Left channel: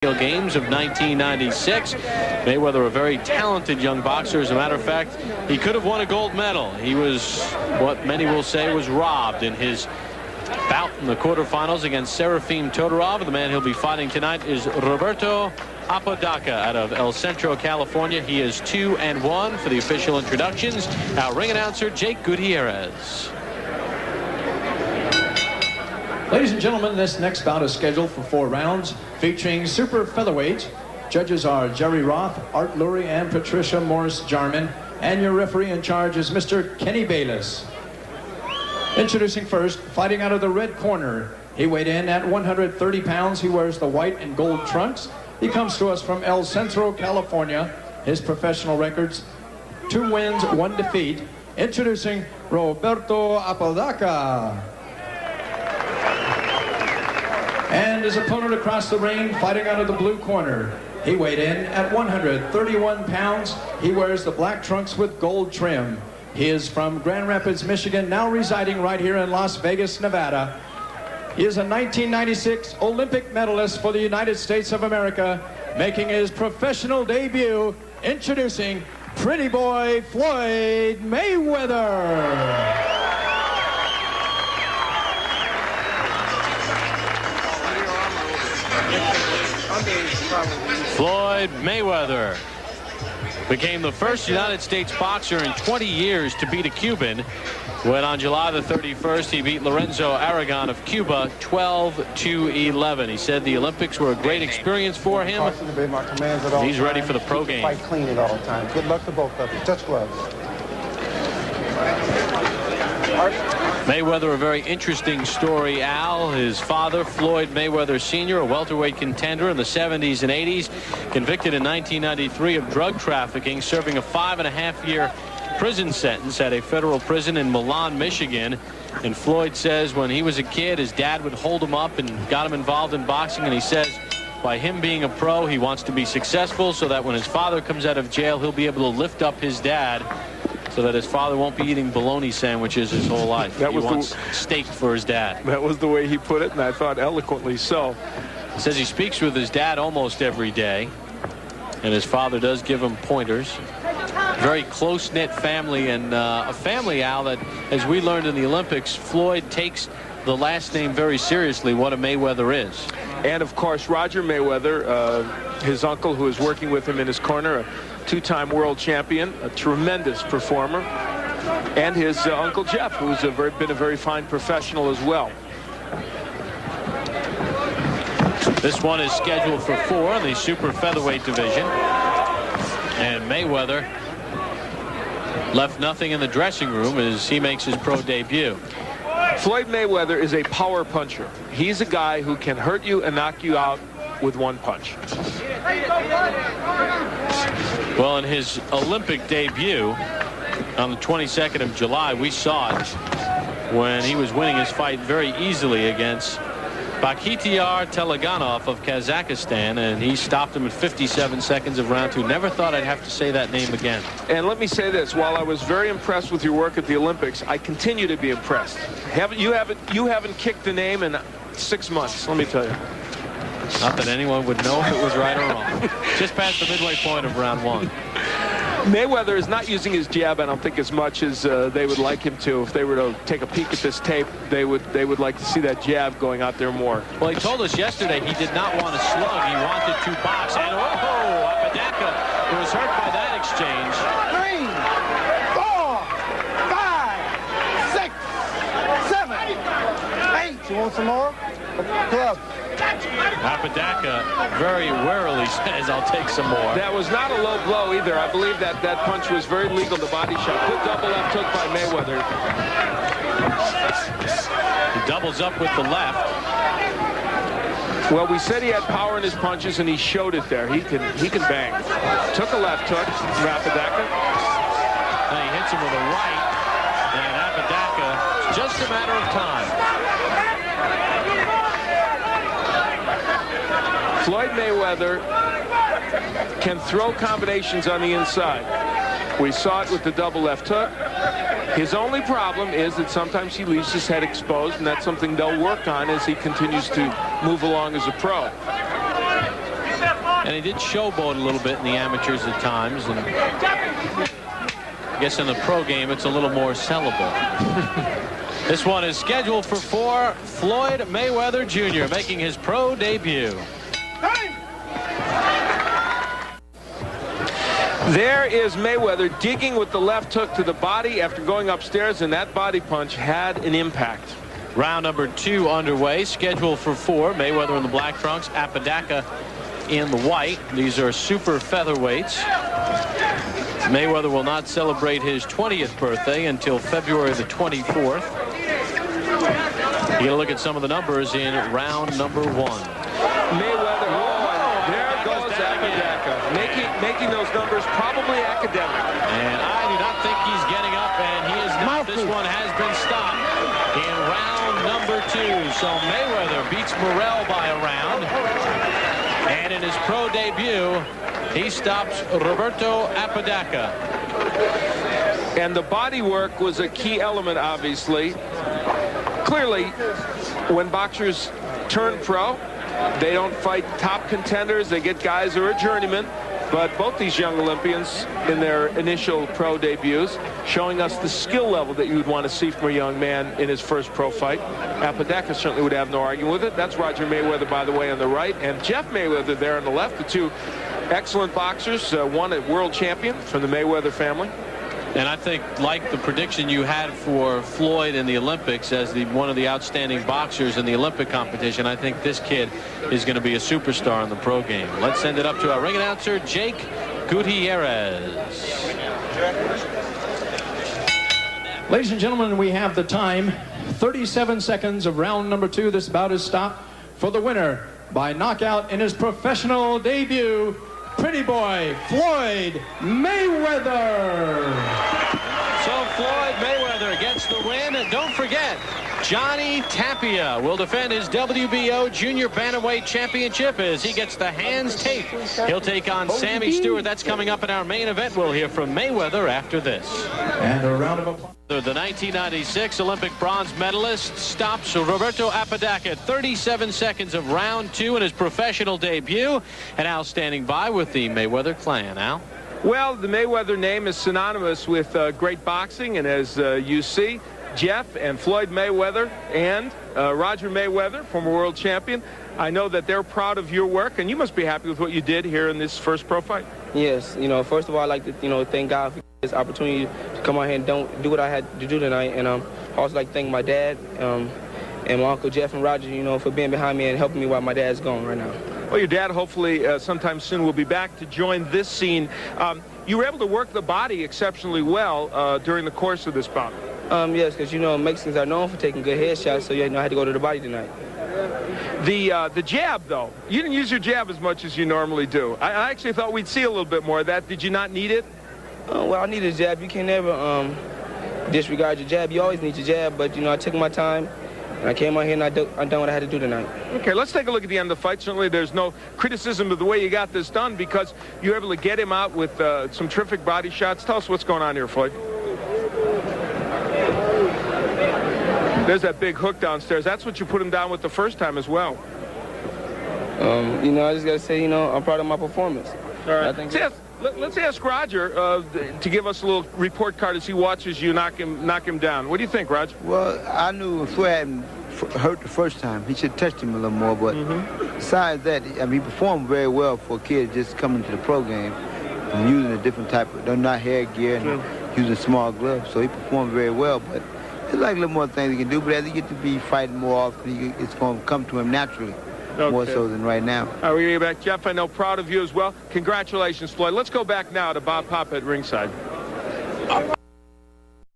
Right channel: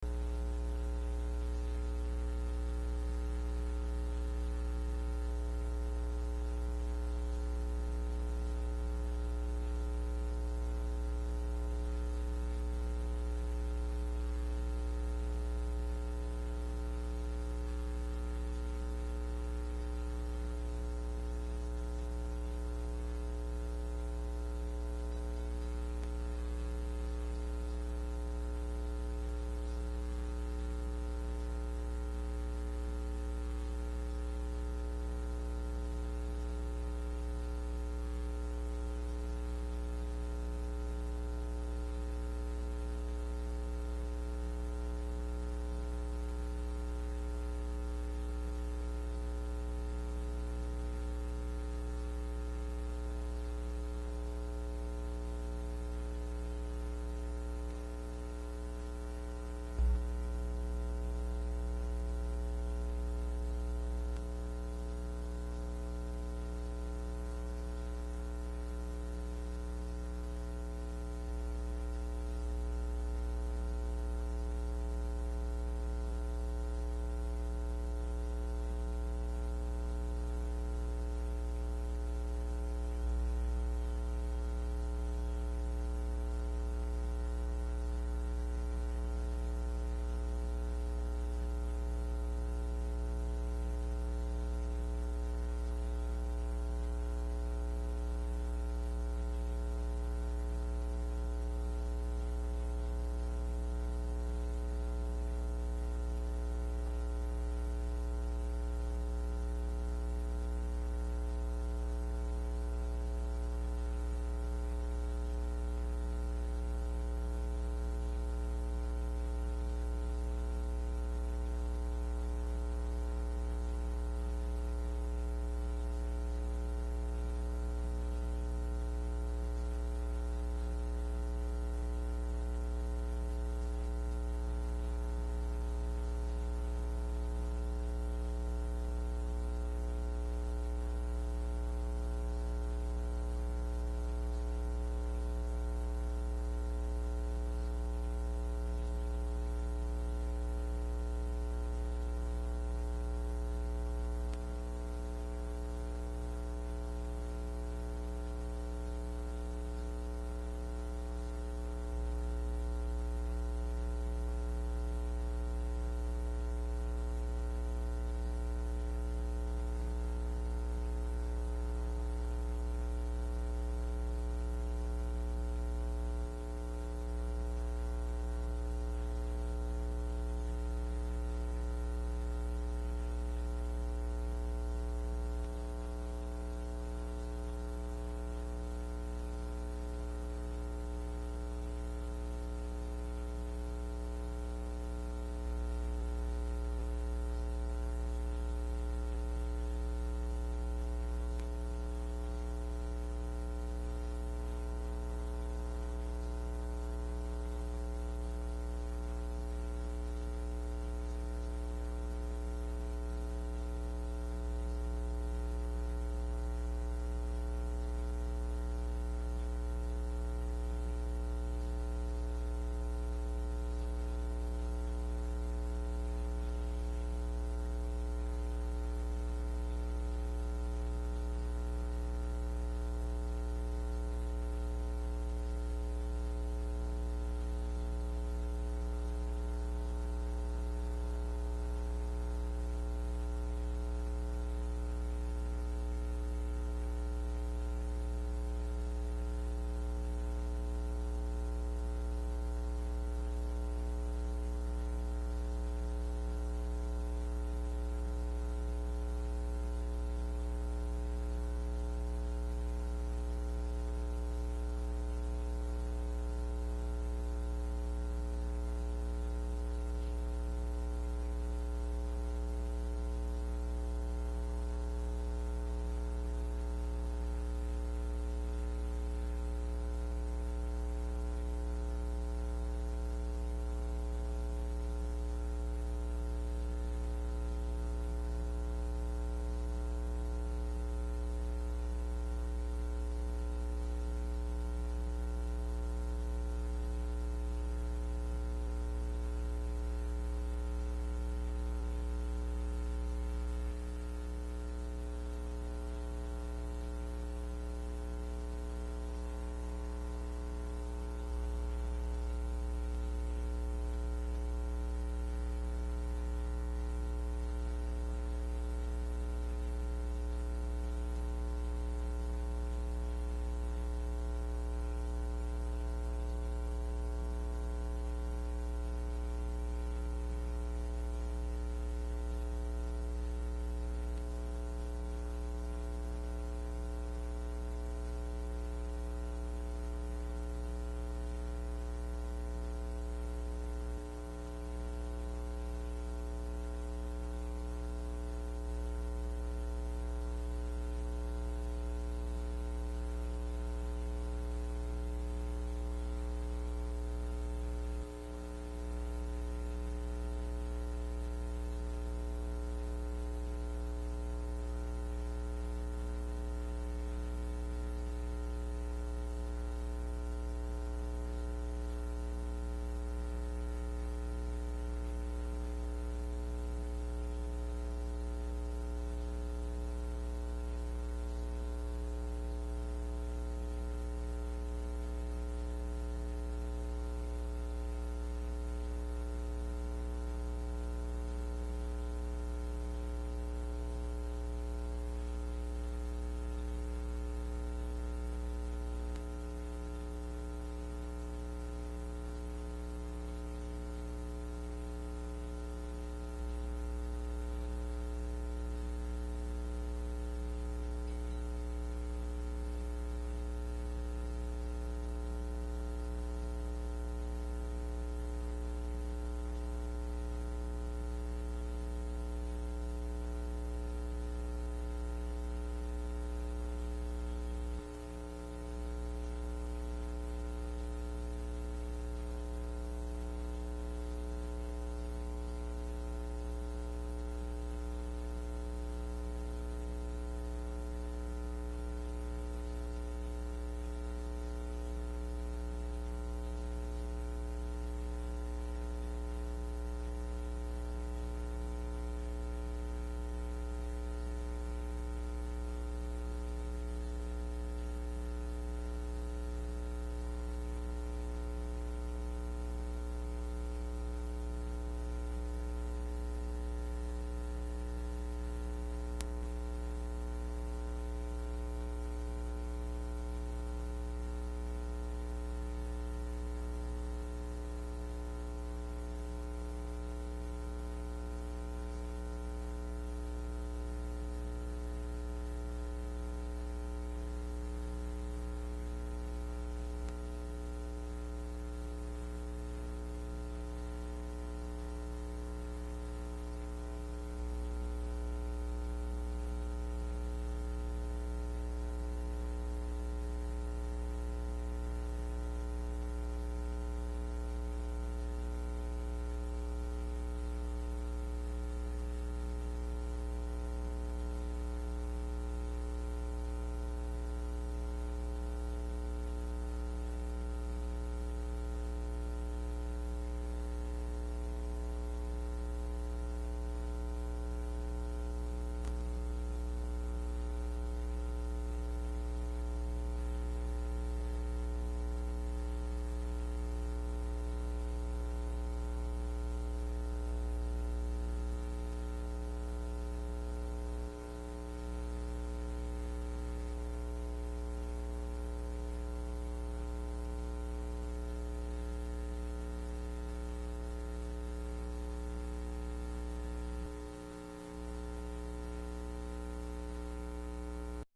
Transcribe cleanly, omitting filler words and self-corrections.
Games of 1996. Mayweather, a very talented young boxer. As a matter of fact, he could have won a gold medal. He was what many will say was robbed in his bout in the quarterfinals against Serafim Todorov. The man he'll be fighting tonight is Roberto Apodaca out of El Centro, California. He is 2-1 for the official introductions. Our ring announcer, Jake Gutierrez. Ladies and gentlemen, this next bout is scheduled for 4 rounds, featuring super featherweight. Judges are Jerry Roth, Art Lurie, and Patricia Morris-Jarman. And your referee in charge is Mr. Kenny Bayless. Introducing first, fighting out of the red corner. He weighed in at 130 pounds. He wears the white and gold trunks. He comes to us from El Centro, California. His professional records, 2 wins, 1 defeat. Introducing Roberto Apodaca. And his opponent across the ring, fighting out of the blue corner. He weighed in at 131 pounds. He wears the black trunks with gold trim. He is from Grand Rapids, Michigan, now residing right here in Las Vegas, Nevada. He is a 1996 Olympic medalist for the United States of America, making his professional debut, introducing Pretty Boy Floyd Mayweather. Floyd Mayweather became the first United States boxer in 20 years to beat a Cuban when on July the 31st he beat Lorenzo Aragon of Cuba 12-11. He said the Olympics were a great experience for him. He's ready for the pro game. Fight clean at all times. Good luck to both of you. Touch gloves. Mayweather, a very interesting story, Al. His father, Floyd Mayweather Sr., a welterweight contender in the 70s and 80s, convicted in 1993 of drug trafficking, serving a 5.5-year prison sentence at a federal prison in Milan, Michigan. And Floyd says when he was a kid, his dad would hold him up and got him involved in boxing. And he says by him being a pro, he wants to be successful so that when his father comes out of jail, he'll be able to lift up his dad, so that his father won't be eating bologna sandwiches his whole life. He wants steak for his dad. That was the way he put it, and I thought eloquently so. He says he speaks with his dad almost every day, and his father does give him pointers. Very close-knit family, and a family, Al, that, as we learned in the Olympics, Floyd takes the last name very seriously, what a Mayweather is. And, of course, Roger Mayweather, his uncle, who is working with him in his corner, a 2-time world champion, a tremendous performer, and his Uncle Jeff, who's been a very fine professional as well. This one is scheduled for 4 in the super featherweight division, and Mayweather left nothing in the dressing room as he makes his pro debut. Floyd Mayweather is a power puncher. He's a guy who can hurt you and knock you out with 1 punch. Well, in his Olympic debut on the 22nd of July, we saw it when he was winning his fight very easily against Bakhtiar Teleganov of Kazakhstan, and he stopped him at 57 seconds of round 2. Never thought I'd have to say that name again. And let me say this, while I was very impressed with your work at the Olympics, I continue to be impressed. You haven't kicked the name in 6 months, let me tell you. Not that anyone would know if it was right or wrong. Just past the midway point of round 1. Mayweather is not using his jab, I don't think, as much as they would like him to. If they were to take a peek at this tape, they would like to see that jab going out there more. Well, he told us yesterday he did not want to slug. He wanted to box. And Apodaca was hurt by that exchange. 3, 4, 5, 6, 7, 8. You want some more? Club. Apodaca very warily says, I'll take some more. That was not a low blow either. I believe that punch was very legal, the body shot. Good double left hook by Mayweather. He doubles up with the left. Well, we said he had power in his punches, and he showed it there. He can bang. Took a left hook from Apodaca. And he hits him with a right. And Apodaca, it's just a matter of time. Floyd Mayweather can throw combinations on the inside. We saw it with the double left hook. His only problem is that sometimes he leaves his head exposed, and that's something they'll work on as he continues to move along as a pro. And he did showboat a little bit in the amateurs at times. And I guess in the pro game, it's a little more sellable. This one is scheduled for 4. Floyd Mayweather Jr. making his pro debut. There is Mayweather digging with the left hook to the body after going upstairs, and that body punch had an impact. Round number 2 underway, scheduled for 4. Mayweather in the black trunks, Apodaca in the white. These are super featherweights. Mayweather will not celebrate his 20th birthday until February the 24th. You get a look at some of the numbers in round number 1. Mayweather, there goes Apodaca, making those numbers probably academic. And I do not think he's getting up, and he is not. This one has been stopped in round number 2. So Mayweather beats Morrell by a round. And in his pro debut, he stops Roberto Apodaca. And the body work was a key element, obviously. Clearly, when boxers turn pro, they don't fight top contenders. They get guys who are journeymen. But both these young Olympians in their initial pro debuts showing us the skill level that you would want to see from a young man in his first pro fight. Apodaca certainly would have no argument with it. That's Roger Mayweather, by the way, on the right, and Jeff Mayweather there on the left. The two excellent boxers, one a world champion from the Mayweather family. And I think, like the prediction you had for Floyd in the Olympics as one of the outstanding boxers in the Olympic competition, I think this kid is going to be a superstar in the pro game. Let's send it up to our ring announcer, Jake Gutierrez. Ladies and gentlemen, we have the time. 37 seconds of round number 2. This bout is stopped for the winner by knockout in his professional debut, Pretty Boy Floyd Mayweather. So Floyd Mayweather gets the win. And don't forget, Johnny Tapia will defend his WBO Junior Bantamweight Championship as he gets the hands taped. He'll take on Sammy Stewart. That's coming up in our main event. We'll hear from Mayweather after this. And a round of applause. The 1996 Olympic bronze medalist stops Roberto Apodaca at 37 seconds of round 2 in his professional debut. And Al standing by with the Mayweather clan. Al? Well, the Mayweather name is synonymous with great boxing, and as you see, Jeff and Floyd Mayweather and Roger Mayweather, former world champion, I know that they're proud of your work, and you must be happy with what you did here in this first pro fight. Yes, first of all, I'd like to, thank God for this opportunity to come out here and do what I had to do tonight. And I also like to thank my dad and my Uncle Jeff and Roger, for being behind me and helping me while my dad's gone right now. Well, your dad hopefully sometime soon will be back to join this scene. You were able to work the body exceptionally well during the course of this bout. Yes, because, Mexicans are known for taking good headshots, so, I had to go to the body tonight. The jab, though, you didn't use your jab as much as you normally do. I actually thought we'd see a little bit more of that. Did you not need it? Well, I needed a jab. You can never disregard your jab. You always need your jab, but, I took my time. I came out here and I done what I had to do tonight. Okay, let's take a look at the end of the fight. Certainly there's no criticism of the way you got this done because you were able to get him out with some terrific body shots. Tell us what's going on here, Floyd. There's that big hook downstairs. That's what you put him down with the first time as well. I just got to say, I'm proud of my performance. All right. Let's ask Roger to give us a little report card as he watches you knock him down. What do you think, Roger? Well, I knew Floyd hadn't hurt the first time. He should have touched him a little more. But besides that, he performed very well for a kid just coming to the pro game and using a different type of, they're not hair gear and using small gloves. So he performed very well. But there's like a little more things he can do. But as he gets to be fighting more often, it's going to come to him naturally. Okay. More so than right now. All right, we're going to get back. Jeff, I know, proud of you as well. Congratulations, Floyd. Let's go back now to Bob Pop at ringside.